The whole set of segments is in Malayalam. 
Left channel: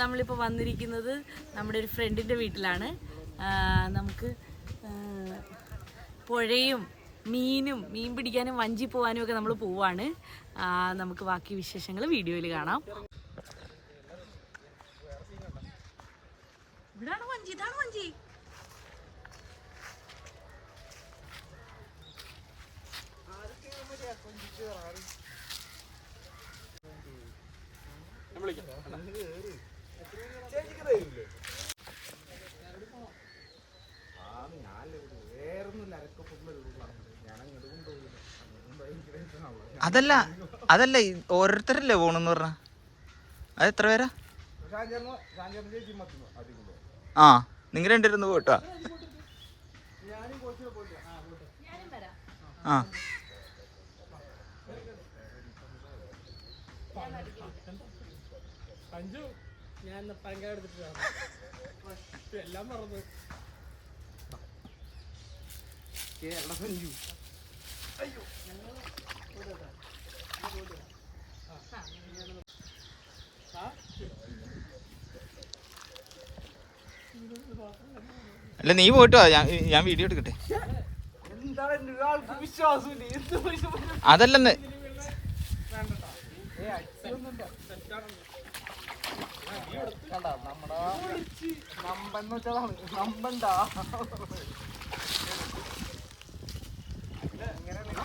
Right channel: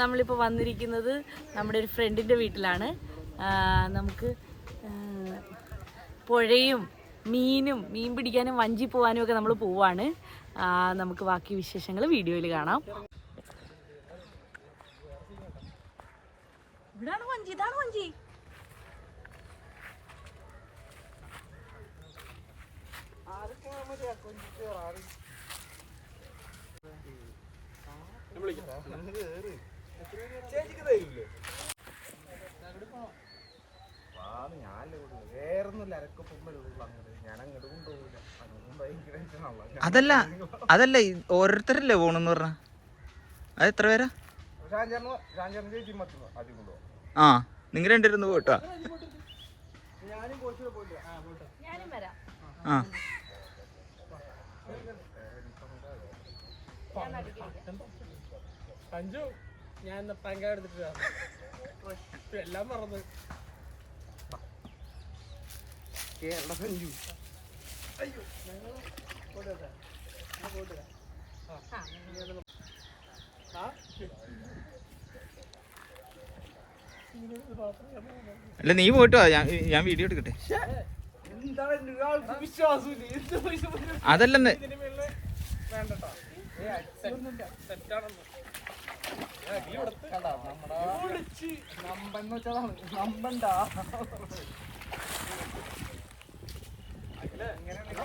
നമ്മളിപ്പോ വന്നിരിക്കുന്നത് നമ്മുടെ ഒരു ഫ്രണ്ടിന്റെ വീട്ടിലാണ്. നമുക്ക് പുഴയും മീനും മീൻ പിടിക്കാനും വഞ്ചി പോവാനും ഒക്കെ നമ്മൾ പോവാണ്. നമുക്ക് ബാക്കി വിശേഷങ്ങൾ വീഡിയോയിൽ കാണാം. ഇവിടാണ് വഞ്ചി ഇതാണ് വഞ്ചി. അതല്ല അതല്ല ഓരോരുത്തരല്ലേ പോണെന്ന് പറഞ്ഞ? അത് എത്ര പേരാ? ആ നിങ്ങൾ രണ്ടുപേരും പോട്ടോ ഞാനും വരാം. ആ. സഞ്ജു ഞാൻ ഇന്ന് കാർഡ് എടുത്തിട്ട് എല്ലാം മറന്നു. കേരള സഞ്ജു. അല്ല നീ പോയിട്ടോ? വാ ഞാൻ ഞാൻ വീഡിയോ എടുക്കട്ടെ. അതല്ലെന്ന്. നമ്പന്ന് വെച്ചതാണ് വേണ്ടട്ടാ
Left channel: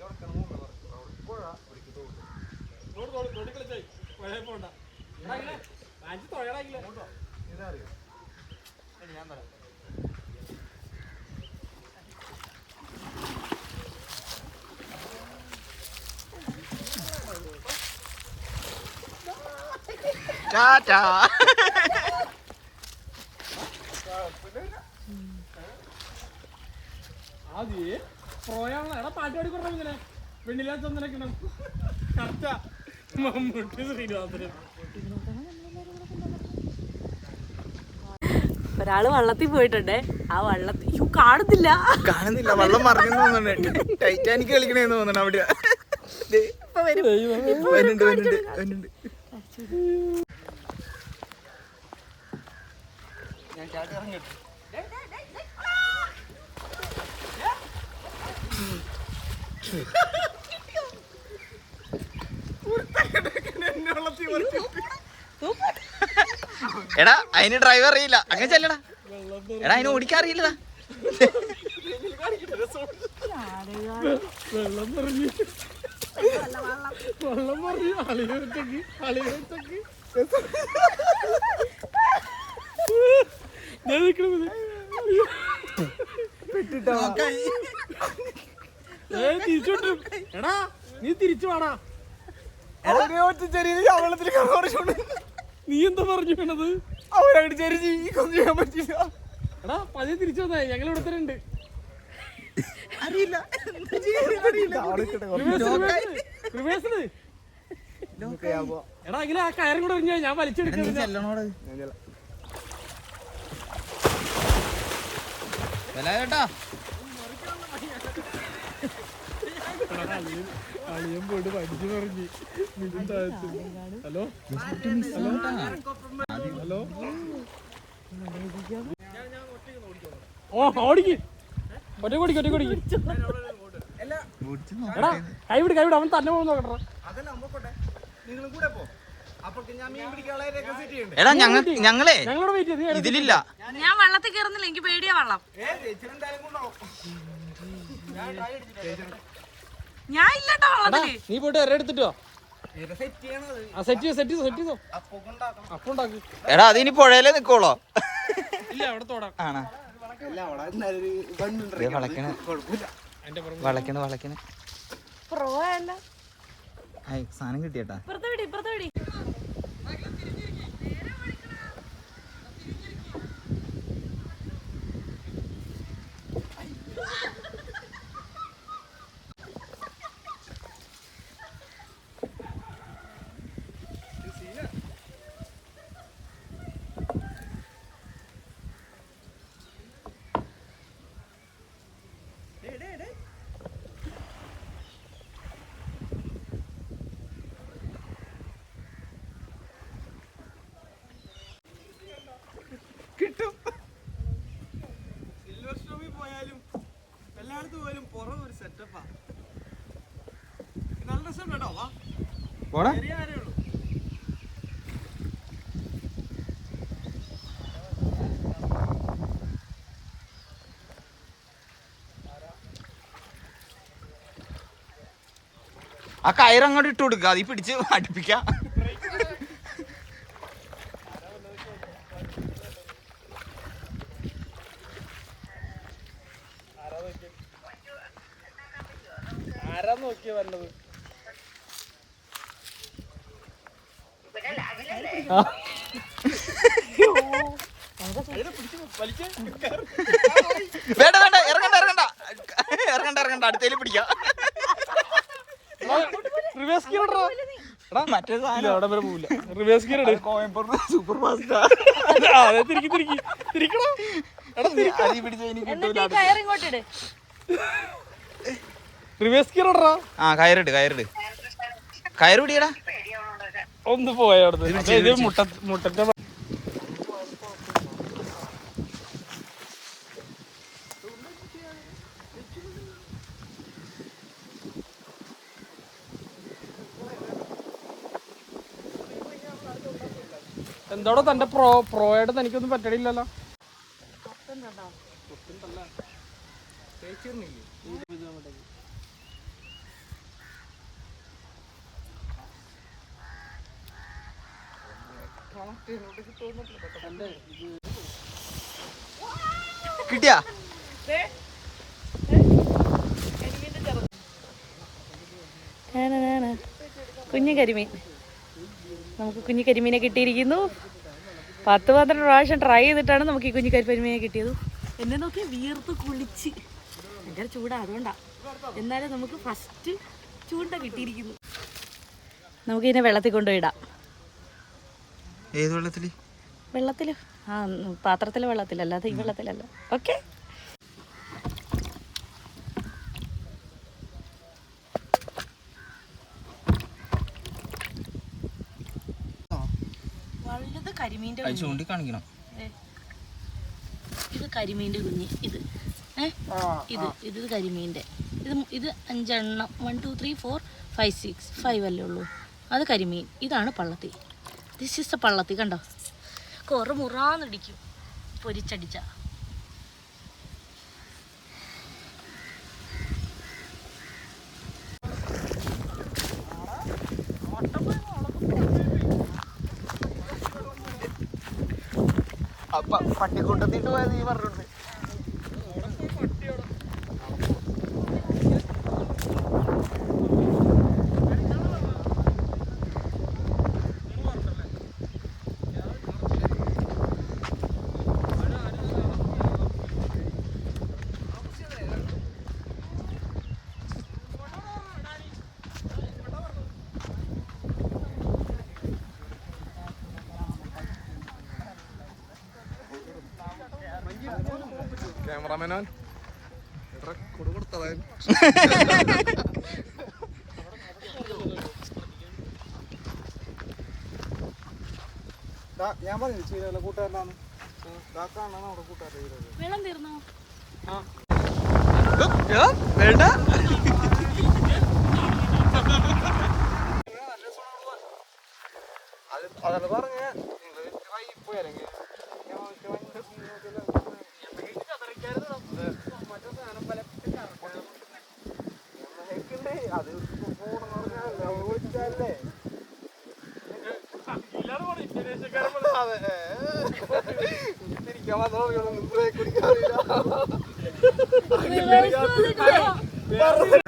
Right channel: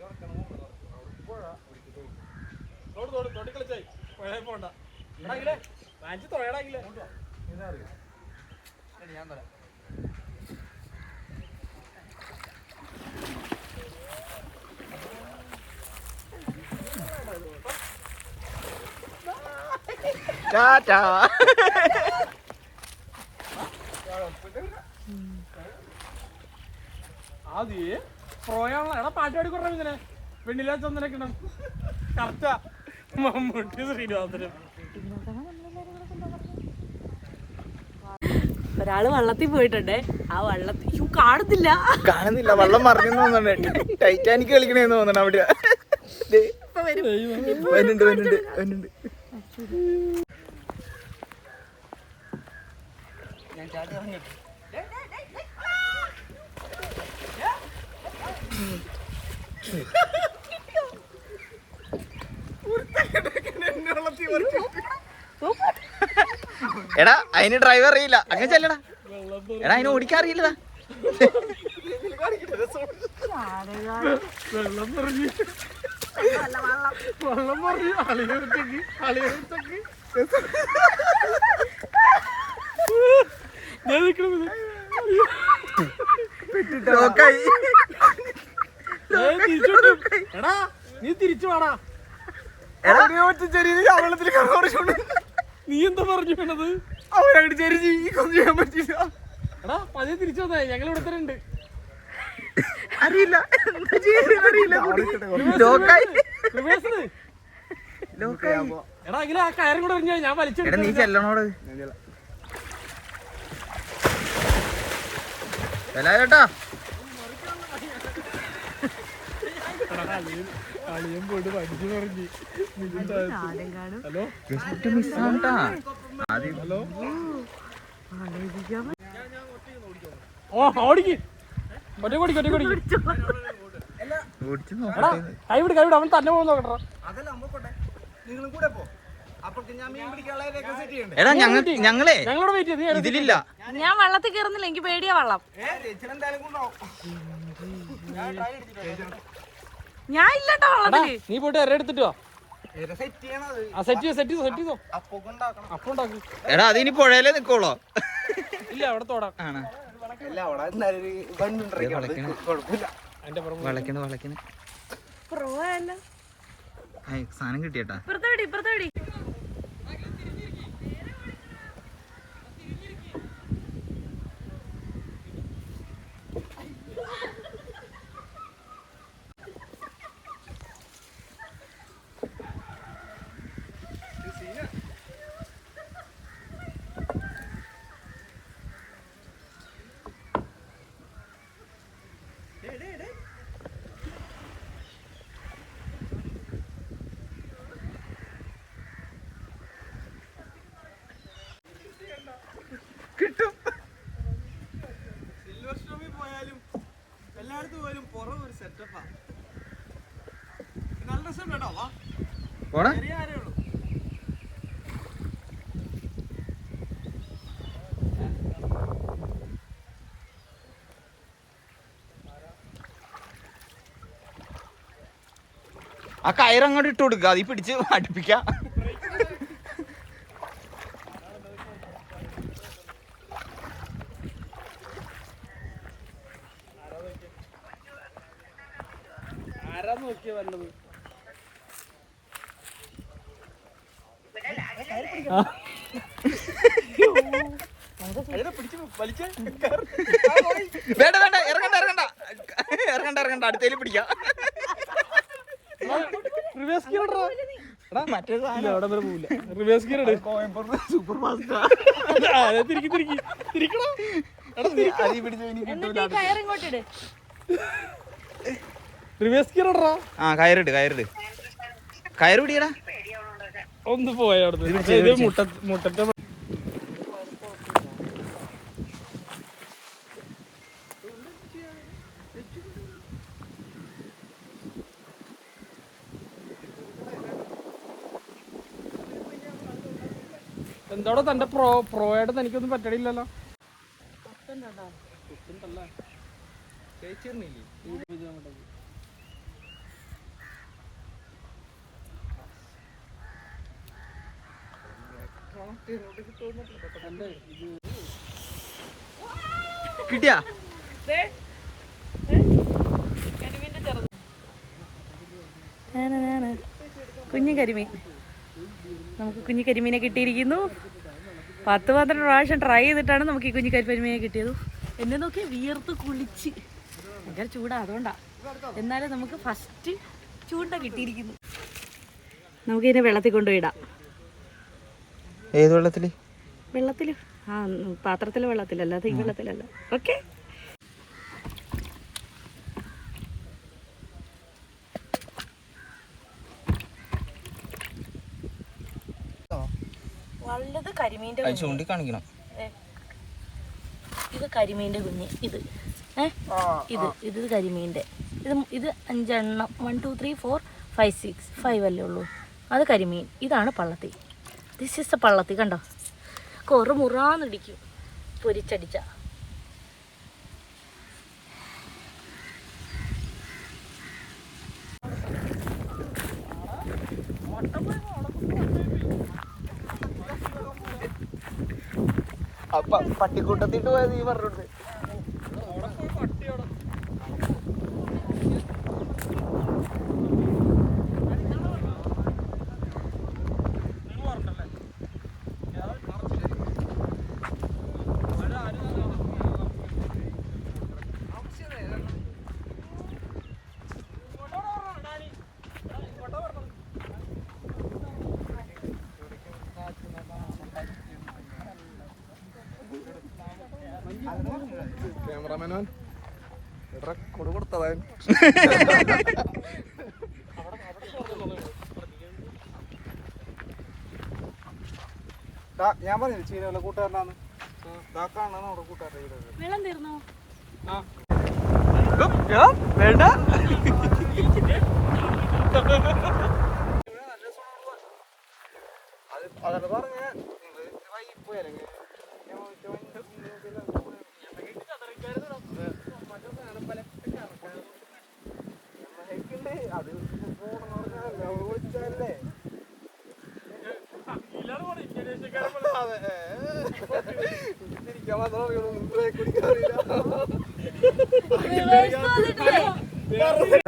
വിടുക ഞാൻ ചേട്ടാ അതൊഴിക്കടാ തോട് തോട് തോട്ടി കളിച്ചായി. പുഴയിൽ പോണ്ട. എടാ മാഞ്ചി തൊഴടാക്കില്ല ടാറ്റാ. ആദ്യേ പ്രോയാണല്ലോ എടാ പാട്ടാടി കുറവ് ഇങ്ങനെ വെണ്ണിലാ ചന്ദനൊക്കെ കറക്റ്റാ. മമ്മൂട്ടി ശ്രീനിവാസനും. ഒരാൾ വള്ളത്തിൽ പോയിട്ടുണ്ട്. ആ വള്ളത്തിൽ കാണത്തില്ല കാണുന്നില്ല. കാണുന്നില്ല. വെള്ളം മറിഞ്ഞു തോന്നുന്നുണ്ട്. ടൈറ്റാനിക് കളിക്കണേന്ന് തോന്നണ അവിടെ. ദേ, ഇപ്പൊ വരും. ഞാൻ ചാടി എടാ അതിന് ഡ്രൈവർ അറിയില്ല. അങ്ങനെ ചെല്ലടാ. എടാ അതിന് ഓടിക്കാൻ അറിയില്ലടാ. വെള്ളം എടാ നീ തിരിച്ചു വാടാ. എടാ, നീ എന്താ പറഞ്ഞു വീണത്? അവരങ്ങട് ചെരിഞ്ഞ് ഈ കൊന്നു ചെയ്യാൻ പറ്റില്ല എടാ പതിയെ തിരിച്ചു വന്നേ ഞങ്ങൾ ഇവിടെ തന്നെ ഉണ്ട്. അറിയില്ല. എന്താ ചെയ്യാന്ന് അറിയില്ല. ലോക്കായി റിവേഴ്സിൽ ലോക്കായി എടാ എങ്കിലും ആ കയറും കൂടെ എറിഞ്ഞാ ഞാൻ എടാ നീ വലിച്ചെടുത്തു ചെല്ലണോട്? ചേട്ടാ. അളിയൻ പോയിട്ട് പഠിച്ചു പറഞ്ഞു. ഹലോ താഴത്ത്. ഹലോ? ഹലോ? ഓ ഓടിക്ക്. ഒറ്റ കൊടിക്ക് ഒറ്റ കൈവിട് കൈവിട്. അവൻ തന്നെ പോകുന്ന നോക്കട്ടെ. അതല്ല നിങ്ങളും കൂടെ പോ. എടാ ഞങ്ങ ഞങ്ങളെ ഇതിലില്ല. ഞാൻ വള്ളത്തിൽ കയറുന്നില്ല എനിക്ക് പേടിയാ വള്ളം. ഞാൻ ഇല്ലട്ടോ വള്ളത്തിൽ. നീ പോയിട്ട് എര എടുത്തിട്ടോ എടാ അതിനി പുഴയിലേ നിക്കോളോ. ഇല്ല അവിടെ തോടാം. ആണോ? വളക്കണ വളക്കണ സാധനം കിട്ടിയേട്ടാ ഇപ്പുറത്തെ വിടി ഇപ്പുറത്തെ വിടി പോടാ. ചെറിയ ആരേ ഉള്ളൂ. ആ കയറങ്ങോട്ട് ഇട്ട് കൊടുക്കുക അതീ പിടിച്ച് അടുപ്പിക്ക. നോക്കിയ വന്നത് വേണ്ട വേണ്ട ഇറങ്ങണ്ട ഇറങ്ങണ്ട. ഇറങ്ങണ്ട ഇറങ്ങണ്ട. അടുത്തേൽ പിടിക്കാം. മറ്റേ സാധനം. അവിടെ വരെ പോവില്ല. റിവേഴ്സ് ഗിയർ ഇട്. കോയമ്പത്തൂർ സൂപ്പർ ഫാസ്റ്റാ ആ, അതെ തിരിക്കി തിരിക്കി. തിരിക്കണോ അതീ പിടിച്ച് എനിക്ക് കിട്ടൂല റിവേഴ്സ് ഗിയർ ഇടറാ ആ കയറിട് കയറിട്. കയറ് പിടിയടാ. ഒന്ന് പോയ അവിടുന്ന്. മുട്ട മുട്ടത്തെ എന്തോടെ തന്റെ പ്രോ പ്രോയായിട്ട് തനിക്കൊന്നും പറ്റണില്ലല്ലോ. കിട്ടിയാ? കുഞ്ഞു കരിമീൻ. നമുക്ക് കുഞ്ഞു കരിമീനെ കിട്ടിയിരിക്കുന്നു. പത്ത് പന്ത്രണ്ട് പ്രാവശ്യം ട്രൈ ചെയ്തിട്ടാണ് നമുക്ക് ഈ കുഞ്ഞു കരിമീനെ കിട്ടിയത്. എന്നെ നോക്കി വിയർത്ത് കുളിച്ച്. ഭയങ്കര ചൂടാ അതുകൊണ്ടാ. എന്നാലും നമുക്ക് ഫസ്റ്റ് ചൂണ്ട കിട്ടിയിരിക്കുന്നു. നമുക്കിതിനെ വെള്ളത്തിൽ കൊണ്ടുപോയിടാം ഏത് വെള്ളത്തിൽ? വെള്ളത്തിൽ. ആ പാത്രത്തിലെ വെള്ളത്തിലല്ല അത് ഈ വെള്ളത്തിലല്ല. ഓക്കെ. വലുത് കരിമീന്റെ ചൂണ്ടി കാണിക്കണം ഇത് കരിമീന്റെ കുഞ്ഞ്. ഇത്? ഇത് ഇത് കരിമീന്റെ. ഇത് ഇത് അഞ്ചെണ്ണം. One two three four five six five അല്ലേ ഉള്ളൂ. അത് കരിമീൻ. ഇതാണ് പള്ളത്തി എ പള്ളത്തി കണ്ടോ? കുറു മുറാന്നിടിക്കും. പൊരിച്ചടിച്ച. അപ്പൊ പട്ടിക്കൂട്ടത്തിട്ട് പോയത് ഈ പറഞ്ഞിട്ടുണ്ട് ക്യാമറാമാനവൻ എടാ കൊടു കൊടുത്തതാ ഞാൻ പറഞ്ഞു ചീരല്ല കൂട്ടുകാരനാണ് വെള്ളം തീർന്നോ? വേണ്ട. abi. Bittirik yalan olamıyorum. Buraya kırık alıyor ya. Akilleri yaptık. Ben de